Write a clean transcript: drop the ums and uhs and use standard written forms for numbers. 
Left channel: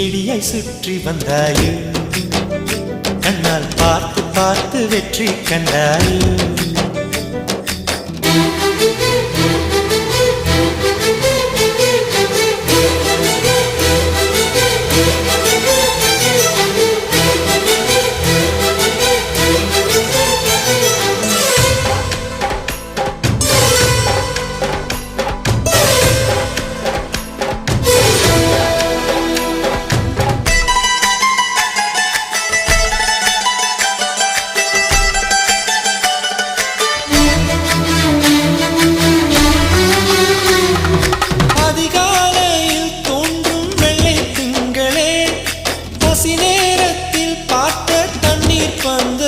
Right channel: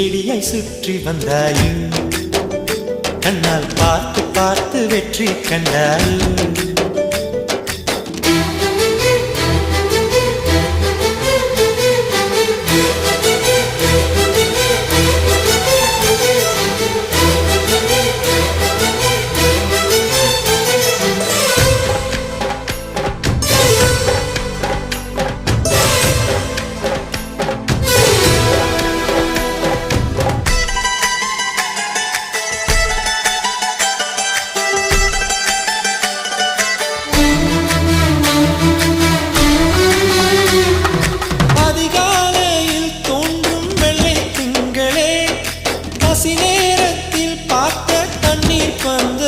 செடியை சுற்றி வந்தாயோ கண்ணால் பார்த்து பார்த்து வெற்றி கண்டாயோ அதிகாலையில் தோன்றும் வெள்ளை திங்களே பசி நேரத்தில் பார்த்த தண்ணீர் பந்து